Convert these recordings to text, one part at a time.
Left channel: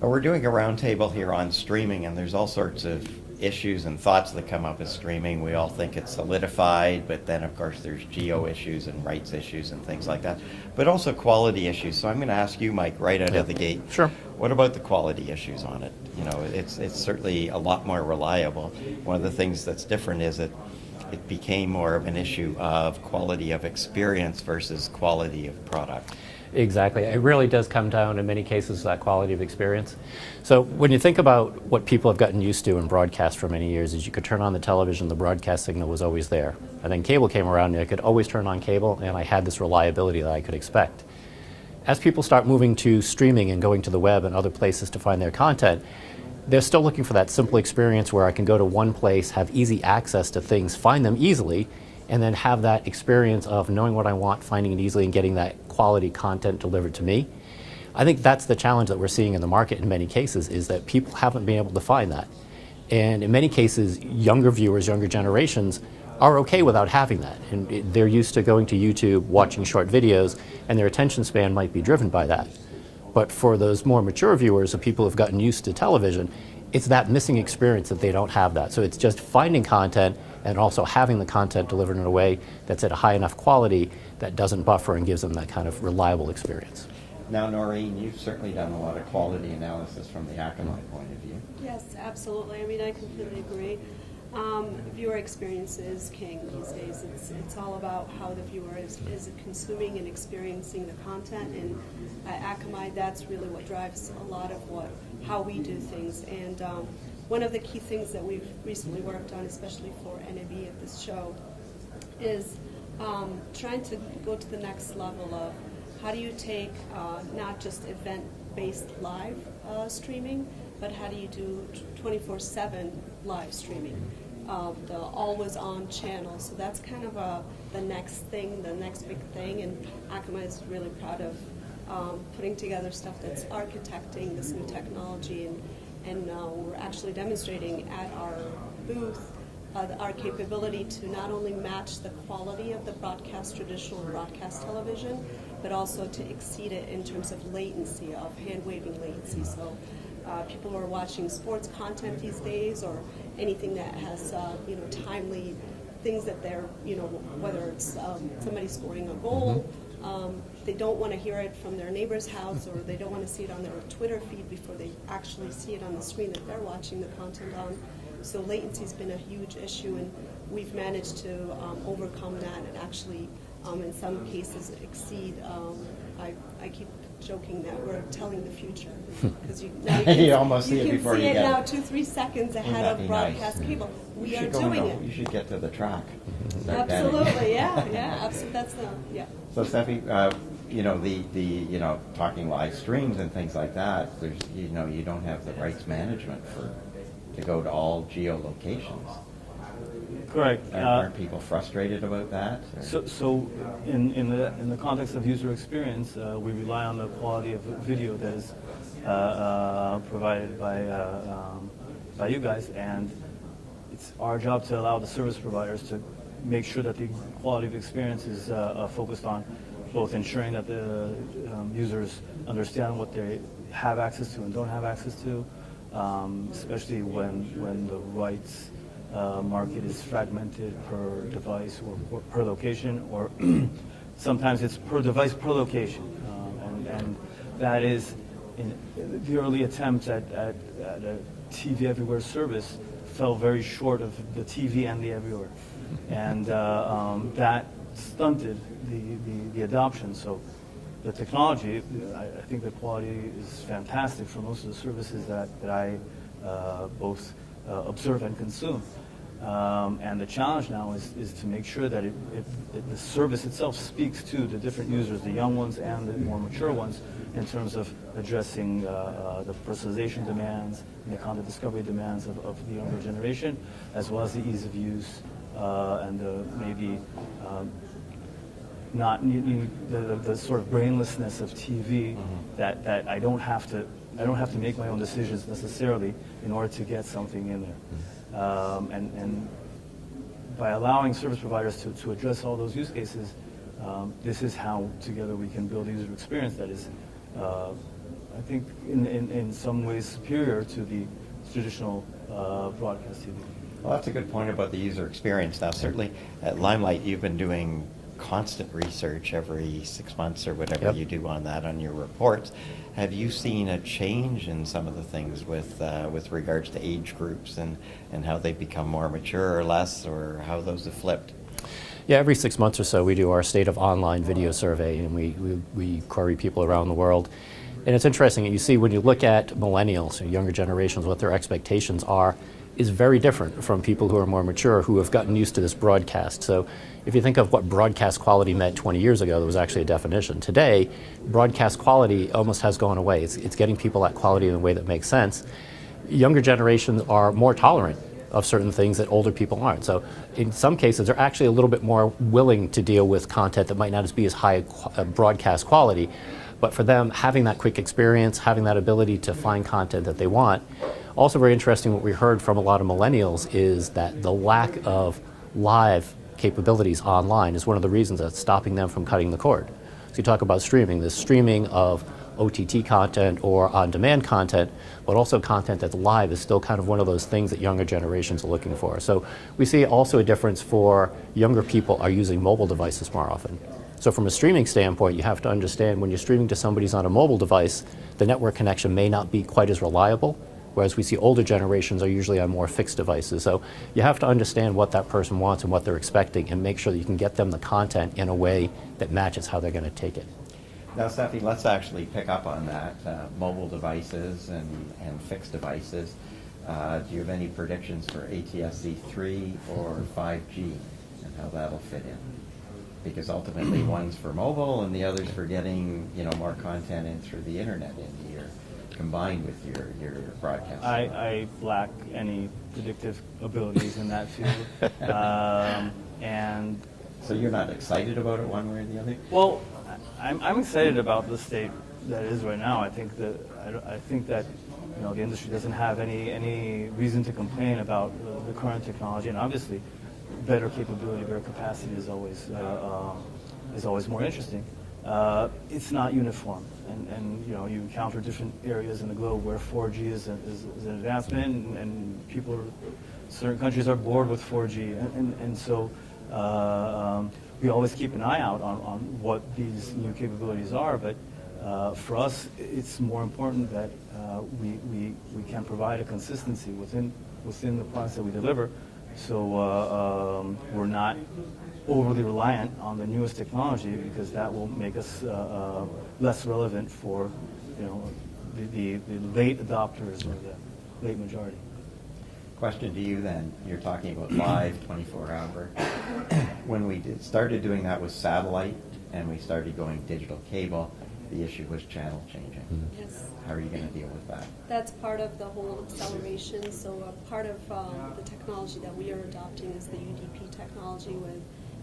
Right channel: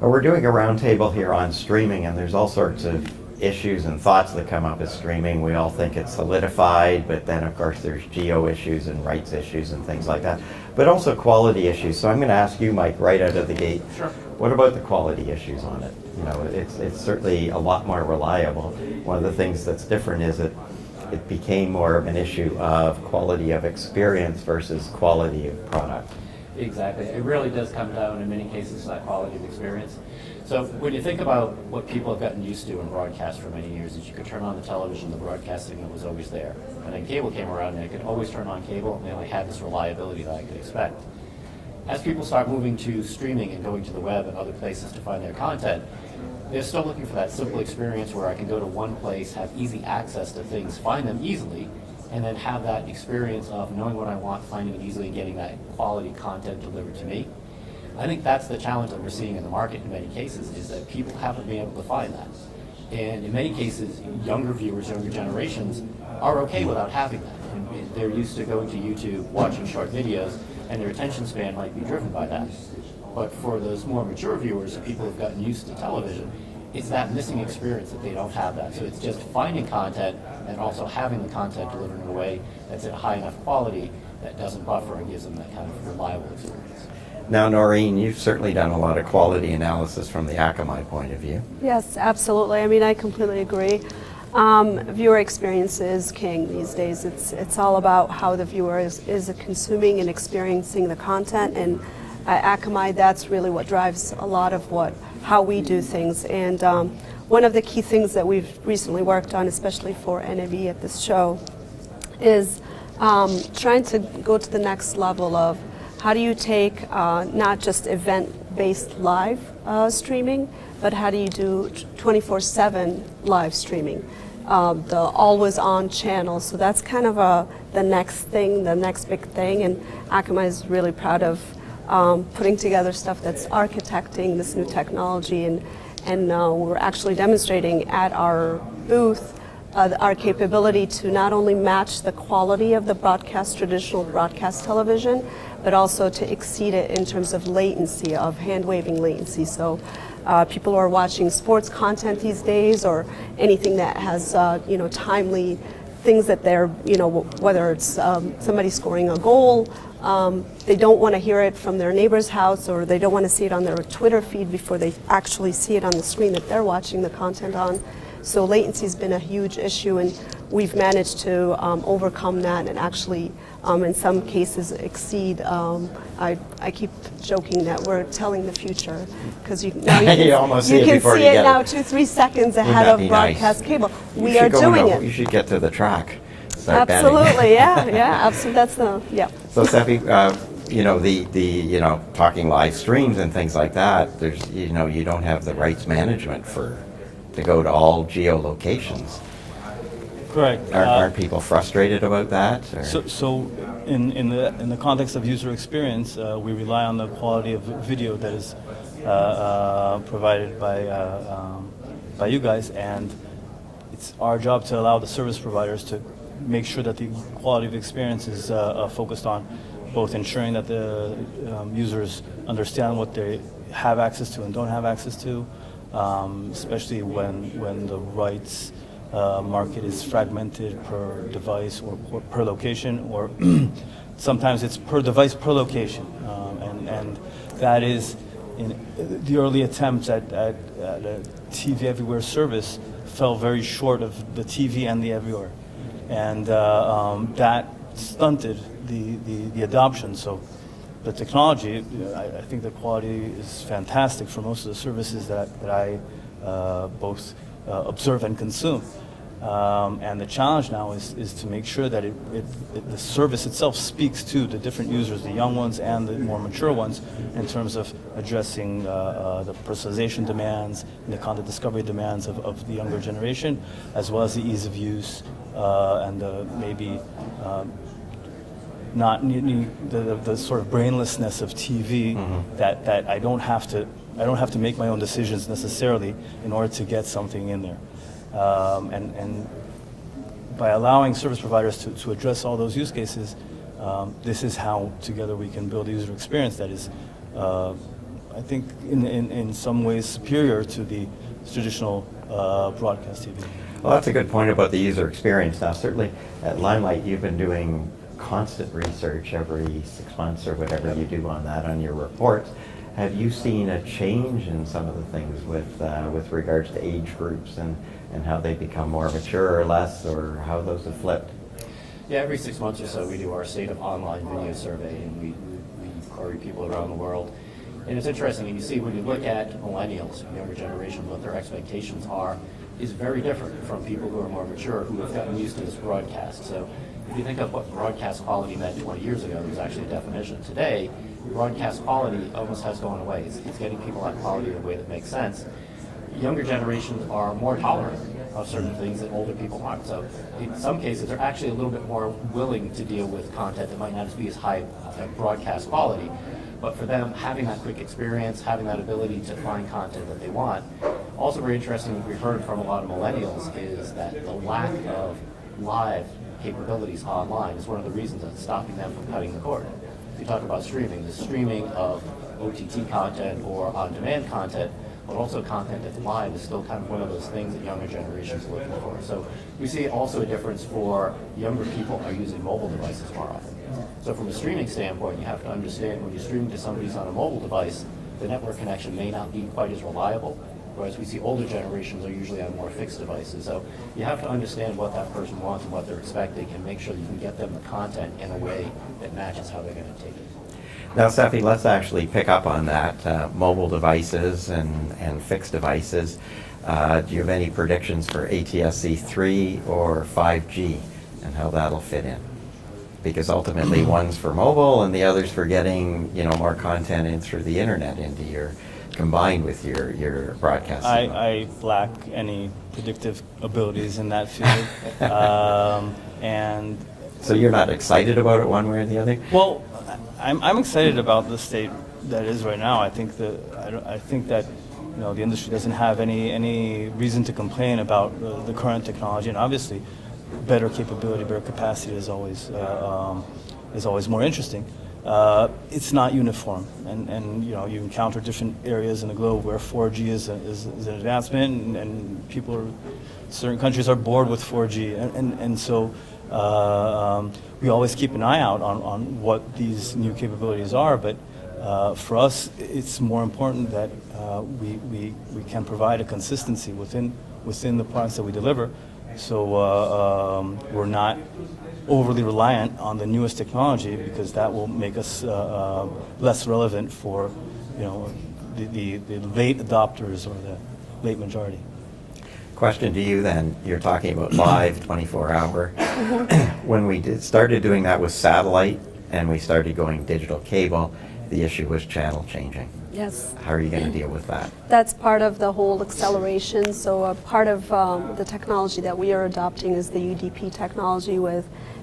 We're doing a roundtable here on streaming, and there's all sorts of issues and thoughts that come up with streaming. We all think it's solidified, but then of course there's geo issues and rights issues and things like that, but also quality issues. So I'm going to ask you, Mike, right out of the gate. Sure. What about the quality issues on it? You know, it's certainly a lot more reliable. One of the things that's different is that it became more of an issue of quality of experience versus quality of product. Exactly. It really does come down in many cases to that quality of experience. So when you think about what people have gotten used to in broadcast for many years is you could turn on the television, the broadcast signal was always there. And then cable came around and I could always turn on cable and I had this reliability that I could expect. As people start moving to streaming and going to the web and other places to find their content, they're still looking for that simple experience where I can go to one place, have easy access to things, find them easily, and then have that experience of knowing what I want, finding it easily, and getting that quality content delivered to me. I think that's the challenge that we're seeing in the market in many cases, is that people haven't been able to find that. And in many cases, younger viewers, younger generations, are okay without having that. And they're used to going to YouTube, watching short videos, and their attention span might be driven by that. But for those more mature viewers and people who've gotten used to television, it's that missing experience that they don't have that. So it's just finding content and also having the content delivered in a way that's at a high enough quality that doesn't buffer and gives them that kind of reliable experience. Now, Noreen, you've certainly done a lot of quality analysis from the Akamai point of view. Yes, absolutely. I mean, I completely agree. Viewer experience is king these days. It's all about how the viewer is consuming and experiencing the content, and at Akamai, that's really what drives a lot of how we do things. And one of the key things that we've recently worked on, especially for NAV at this show, is trying to go to the next level of how do you take not just event-based live streaming, but how do you do 24/7 live streaming, the always-on channel. So that's kind of the next thing, the next big thing, and Akamai is really proud of putting together stuff that's architecting this new technology, and we're actually demonstrating at our booth our capability to not only match the quality of the traditional broadcast television, but also to exceed it in terms of latency, of hand-waving latency. So people who are watching sports content these days, or anything that has timely things that they're, whether it's somebody scoring a goal, they don't want to hear it from their neighbor's house, or they don't want to see it on their Twitter feed before they actually see it on the screen that they're watching the content on. So latency has been a huge issue, and we've managed to overcome that and actually, in some cases, exceed. I keep joking that we're telling the future, because you can see it now 2-3 seconds ahead of broadcast cable. We are doing it. You should get to the track. Absolutely, yeah, absolutely. That's So, Steffi, the talking live streams and things like that. There's, you don't have the rights management to go to all geolocations. Correct. Aren't people frustrated about that? So in the context of user experience, we rely on the quality of video that is provided by you guys, and it's our job to allow the service providers to make sure that the quality of experience is focused on both ensuring that the users understand what they have access to and don't have access to, especially when the rights market is fragmented per device or per location, or sometimes it's per device per location, and that is in the early attempts at a TV everywhere service fell very short of the TV and the everywhere, and that stunted the adoption. So the technology, I think the quality is fantastic for most of the services that I both observe and consume. And the challenge now is to make sure that the service itself speaks to the different users, the young ones and the more mature ones, in terms of addressing the personalization demands and the content discovery demands of the younger generation, as well as the ease of use and maybe not needing the sort of brainlessness of TV, that I don't have to make my own decisions necessarily in order to get something in there. And by allowing service providers to address all those use cases, this is how together we can build a user experience that is I think in some ways superior to the traditional broadcast TV. Well, that's a good point about the user experience. Now, certainly at Limelight, you've been doing constant research every 6 months or whatever Yep. you do on that, on your reports. Have you seen a change in some of the things with regards to age groups and how they become more mature or less, or how those have flipped? Yeah, every 6 months or so we do our state of online video survey, and we query people around the world. And it's interesting, you see when you look at millennials, younger generations, what their expectations are, is very different from people who are more mature, who have gotten used to this broadcast. So if you think of what broadcast quality meant 20 years ago, there was actually a definition. Today, broadcast quality almost has gone away. It's getting people that quality in a way that makes sense. Younger generations are more tolerant of certain things that older people aren't. So in some cases, they're actually a little bit more willing to deal with content that might not be as high broadcast quality. But for them, having that quick experience, having that ability to find content that they want. Also very interesting, what we heard from a lot of millennials is that the lack of live capabilities online is one of the reasons that's stopping them from cutting the cord. So you talk about streaming, the streaming of OTT content or on-demand content, but also content that's live is still kind of one of those things that younger generations are looking for. So we see also a difference for younger people are using mobile devices more often. So from a streaming standpoint, you have to understand when you're streaming to somebody's on a mobile device, the network connection may not be quite as reliable, whereas we see older generations are usually on more fixed devices. So you have to understand what that person wants and what they're expecting and make sure that you can get them the content in a way that matches how they're going to take it. Now, Steffi, let's actually pick up on that, mobile devices and fixed devices. Do you have any predictions for ATSC 3 or 5G and how that'll fit in? Because ultimately one's for mobile and the other's for getting, more content in through the internet into your, combined with your broadcast. I lack any predictive abilities in that field. And so you're not excited about it one way or the other? well, I'm excited about the state that is right now. I think that the industry doesn't have any reason to complain about the current technology, and obviously, better capability, better capacity is always more interesting. It's not uniform, and you encounter different areas in the globe where 4G is an advancement, and certain countries are bored with 4G, and so. We always keep an eye out on what these new capabilities are, but for us, it's more important that we can provide a consistency within the products that we deliver, so we're not overly reliant on the newest technology, because that will make us less relevant for the late adopters or the late majority. Question to you then, you're talking about live 24-hour. When we started doing that with satellite and we started going digital cable, the issue was channel changing. Yes. How are you going to deal with that? That's part of the whole acceleration. So part of the technology that we are adopting is the UDP technology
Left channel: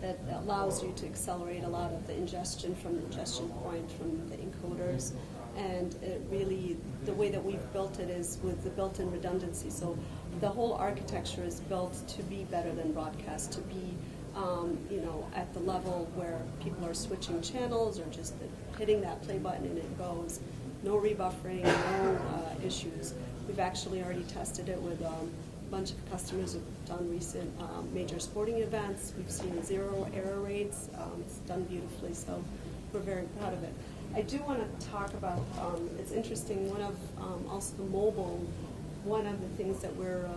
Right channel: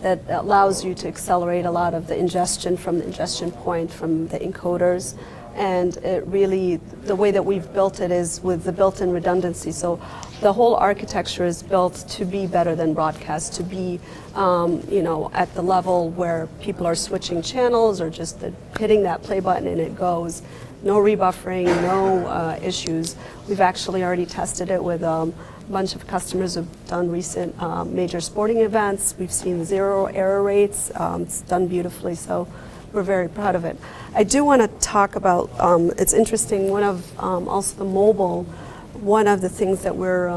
that allows you to accelerate a lot of the ingestion from the ingestion point from the encoders. And it really, the way that we've built it is with the built-in redundancy. So the whole architecture is built to be better than broadcast, to be at the level where people are switching channels or just hitting that play button and it goes. No rebuffering, no issues. We've actually already tested it with a bunch of customers who've done recent major sporting events. We've seen 0 error rates. It's done beautifully, so we're very proud of it. I do want to talk about, it's interesting, one of also the mobile, one of the things that we're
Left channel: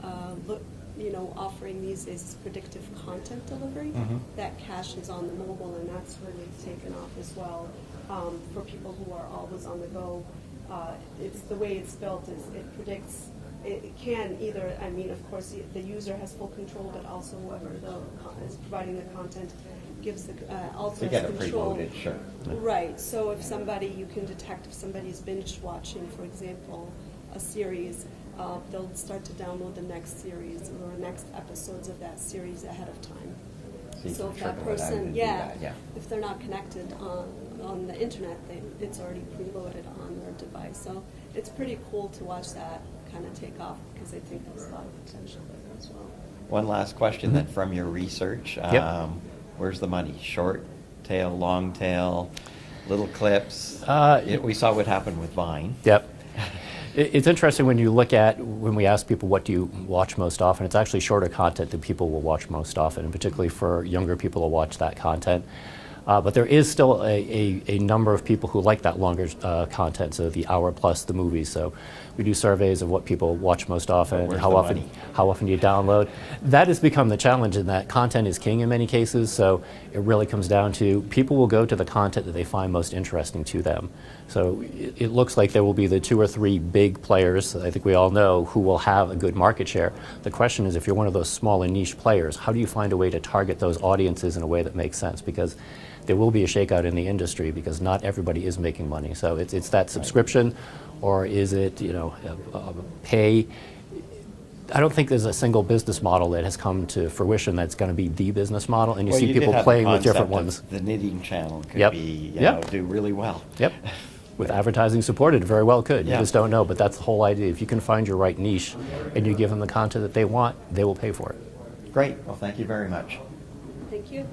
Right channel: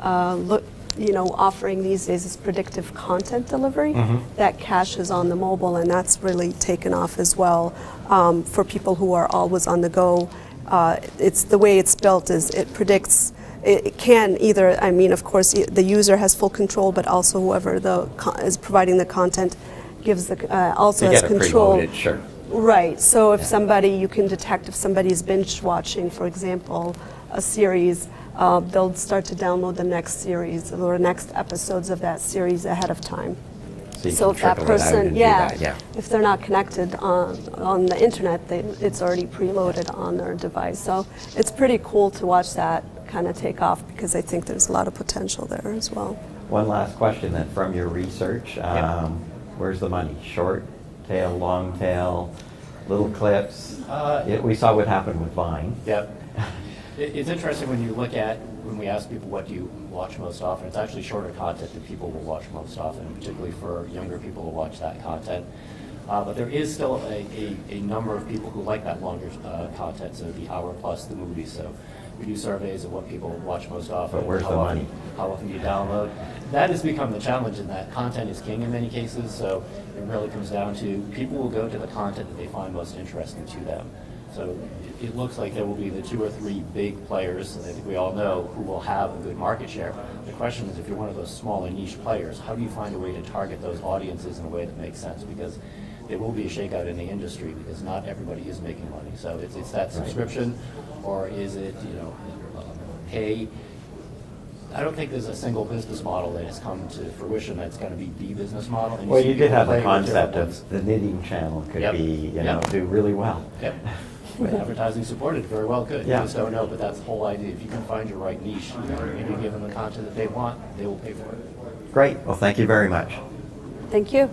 offering these days is predictive content delivery that caches on the mobile, and that's really taken off as well for people who are always on the go. It's the way it's built is it predicts. It can either, of course, the user has full control, but also whoever is providing the content gives also has control. Preloaded, sure. Right. So if you can detect if somebody's binge watching, for example, a series, they'll start to download the next series or next episodes of that series ahead of time. So if that trickle it out person, and do that, if they're not connected on the internet, it's already preloaded on their device. So it's pretty cool to watch that kind of take off, because I think there's a lot of potential there as well. One last question then from your research. Yep. Where's the money? Short tail, long tail? little clips. Uh, We saw what happened with Vine. Yep. It's interesting when you look at, when we ask people what do you watch most often, it's actually shorter content that people will watch most often, and particularly for younger people to watch that content. But there is still a number of people who like that longer content, so the hour plus the movies. So we do surveys of what people watch most often, Where's how the often money? how often you download. That has become the challenge in that content is king in many cases, so it really comes down to people will go to the content that they find most interesting to them. So it looks like there will be the 2 or 3 big players, I think we all know, who will have a good market share. The question is, if you're one of those smaller niche players, how do you find a way to target those audiences in a way that makes sense? Because there will be a shakeout in the industry because not everybody is making money. So it's that subscription, or is it, pay? I don't think there's a single business model that has come to fruition that's going to be the business model, and you Well, see you did people have the playing with different concept ones. of the knitting channel could Yep. be, Yep. do really well. Yep. With advertising supported, very well could. You Yeah. just don't know, but that's the whole idea. If you can find your right niche and you give them the content that they want, they will pay for it. Great. Well, thank you very much. Thank you.